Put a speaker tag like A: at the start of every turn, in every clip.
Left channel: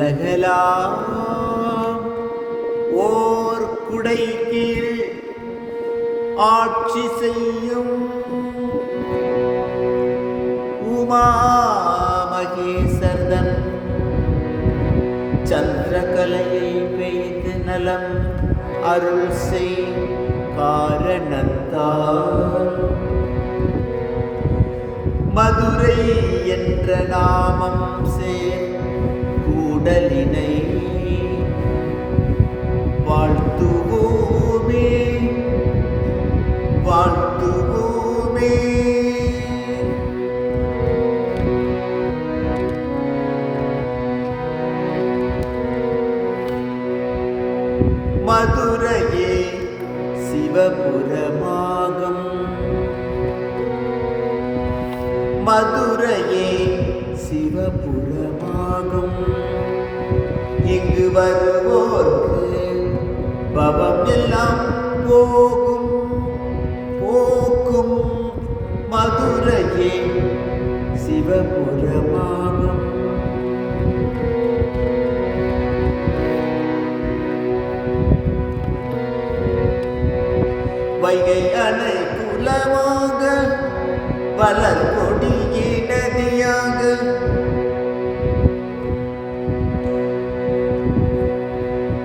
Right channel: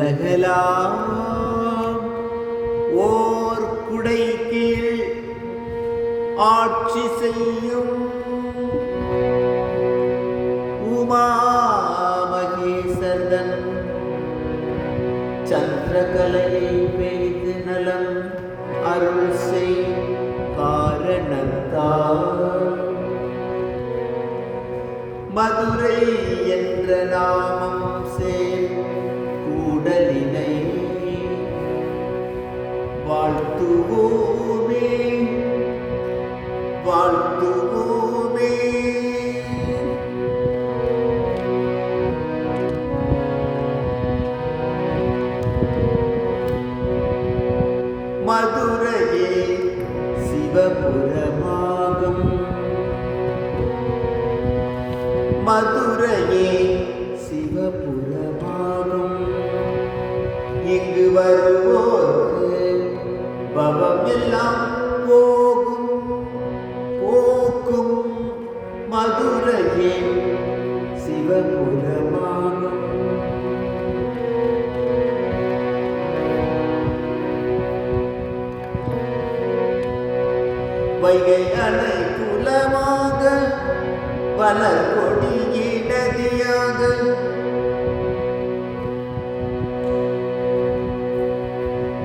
A: உலகலாம் ஓர் குடை கீழ் ஆட்சி செய்யும் உமா மகேசர்தன் சந்திரகலை பெய்து நலம் அருள் செய் காரணத்தால் மதுரை என்ற நாமம் சேர் மதுரையே சிவபுரமாகும். மதுரையே சிவபுரமாகும். இங்கு வருவோர்க்கு பவமெல்லாம் போகும். போக்கும். மதுரையே சிவபுரம் வளர் கொடியே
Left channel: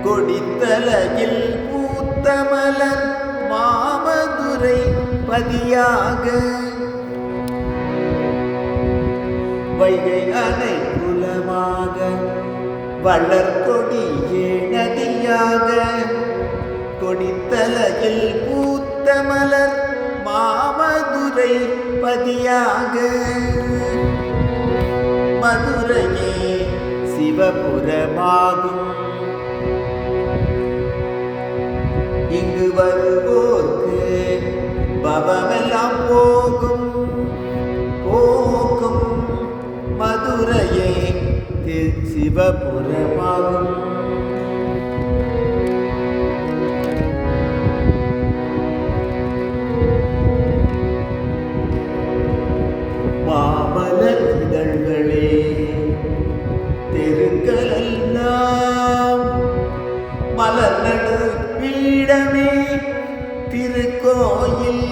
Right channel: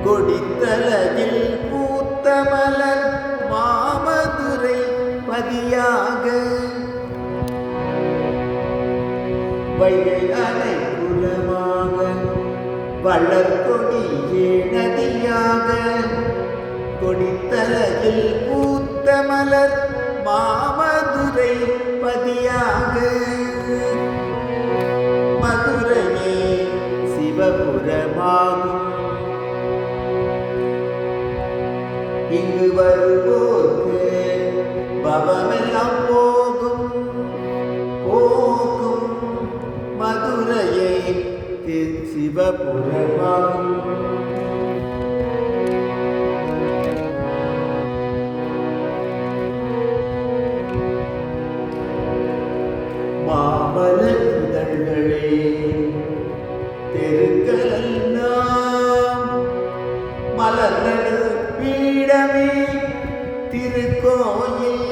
A: கொடித்தலையில் பூத்த மலர் மாமதுரை பதியாக. வைகை அணை குலமாக வளர் பிரமாகும் இங்கு வருவோர்க்கு பவமெல்லாம் போகும். போகும் மதுரையை சிவபுரமாகும் பீடமே திருக்கோயில்.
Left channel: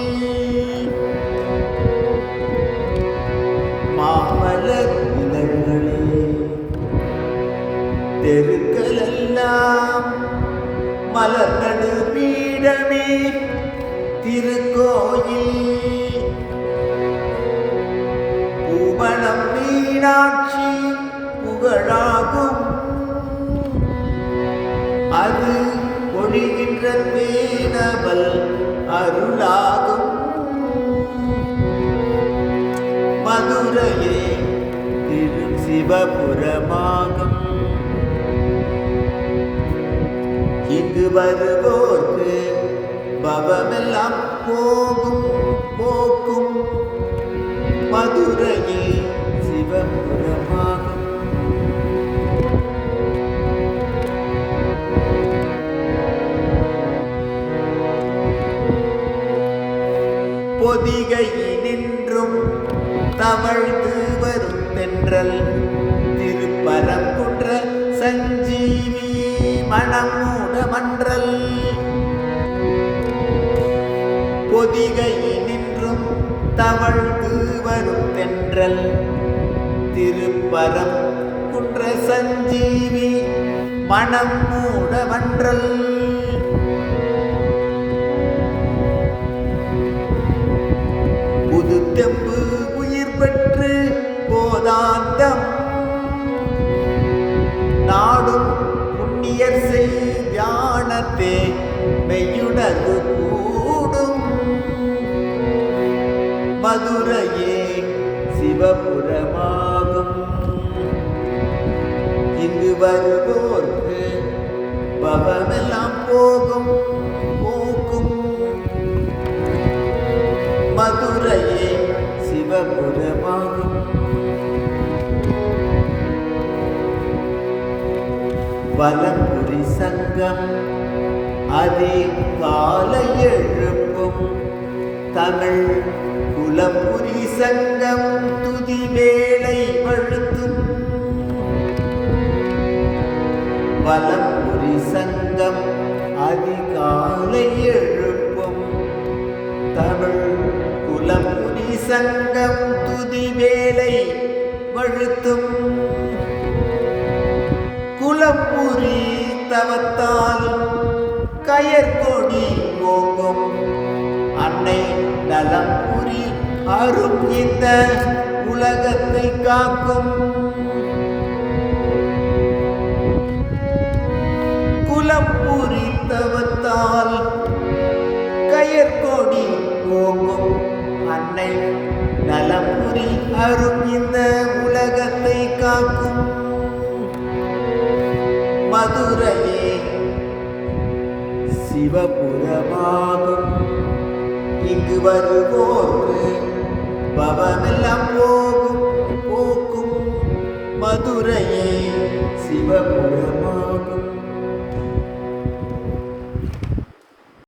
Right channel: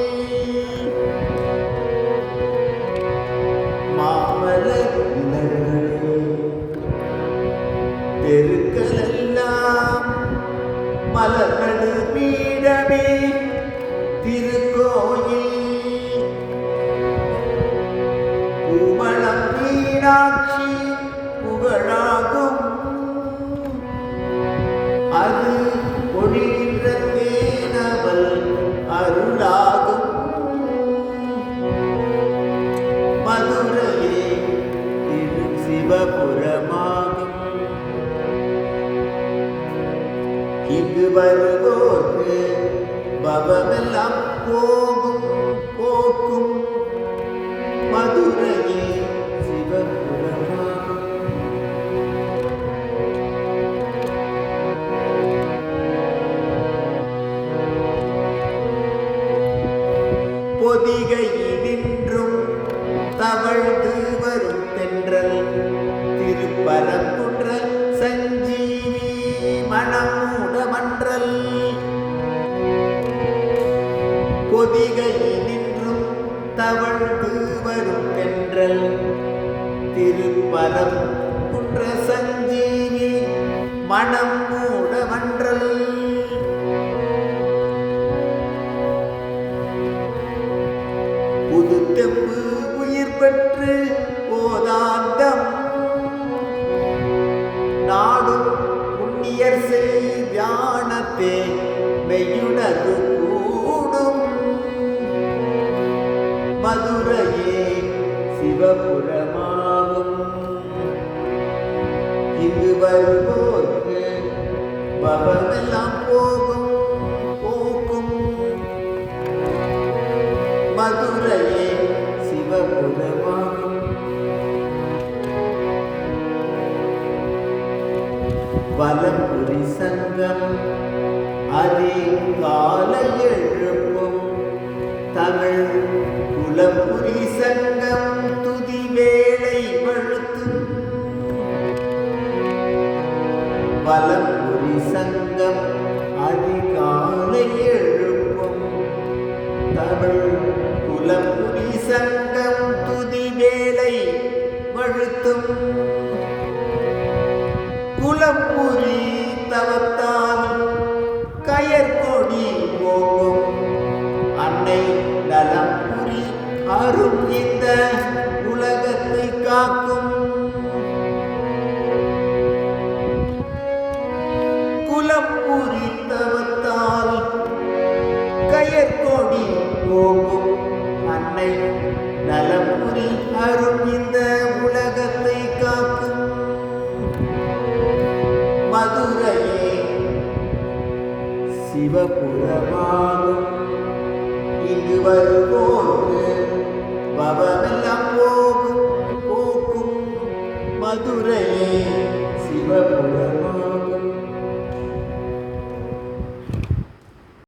A: மாமல தெருக்களெல்லாம் மலர்நடு பீடமே திருக்கோயில். அருளாகும். மதுரையே சிவபுரமாகும். இங்கு வருவோர்க்கு பவமெல்லாம் போகும் போக்கும். மதுரையே சிவபுரம் பொதிகையினின்றும் தவழ்ந்து வரும் தென்றல். திருப்பரங்குன்ற சஞ்சீவி மணமூட மன்றல். பொதிகையினின்றும் தவழ்ந்து வரும் தென்றல். திருப்பரம் குன்ற சஞ்சீவி மணம் மூடமன்றல் புது தெம்பு உயிர் பெற்று போதாந்தம் நாடும் புண்ணியர் செய் ஞானத்தே மெய்யுணர்வு கூடும். மதுரையே சிவபுரமாகும். இங்கு வருவோர்க்கு பவமெல்லாம் போகும். வலம்புரி சங்கம். அதே கால எழுப்பும் தமிழ் குலம்புரி சங்கம். துதி வேலை வழுத்தும் வலம்புரி சங்கம். அதிகாலை எழுப்பும் தமிழ் குலம்புரி சங்கம். துதி வேலை வழுத்தும் கயற்கொடி ஓங்கும் அன்னை நலம் புரி அரும் இந்த உலகத்தை காக்கும். குலம் புரித்தவத்தால் கயற்கொடி ஓங்கும் அன்னை நலம் புரி அரும் இந்த உலகத்தை சிவபுரமாகும் இங்கு வருவோர்க்கு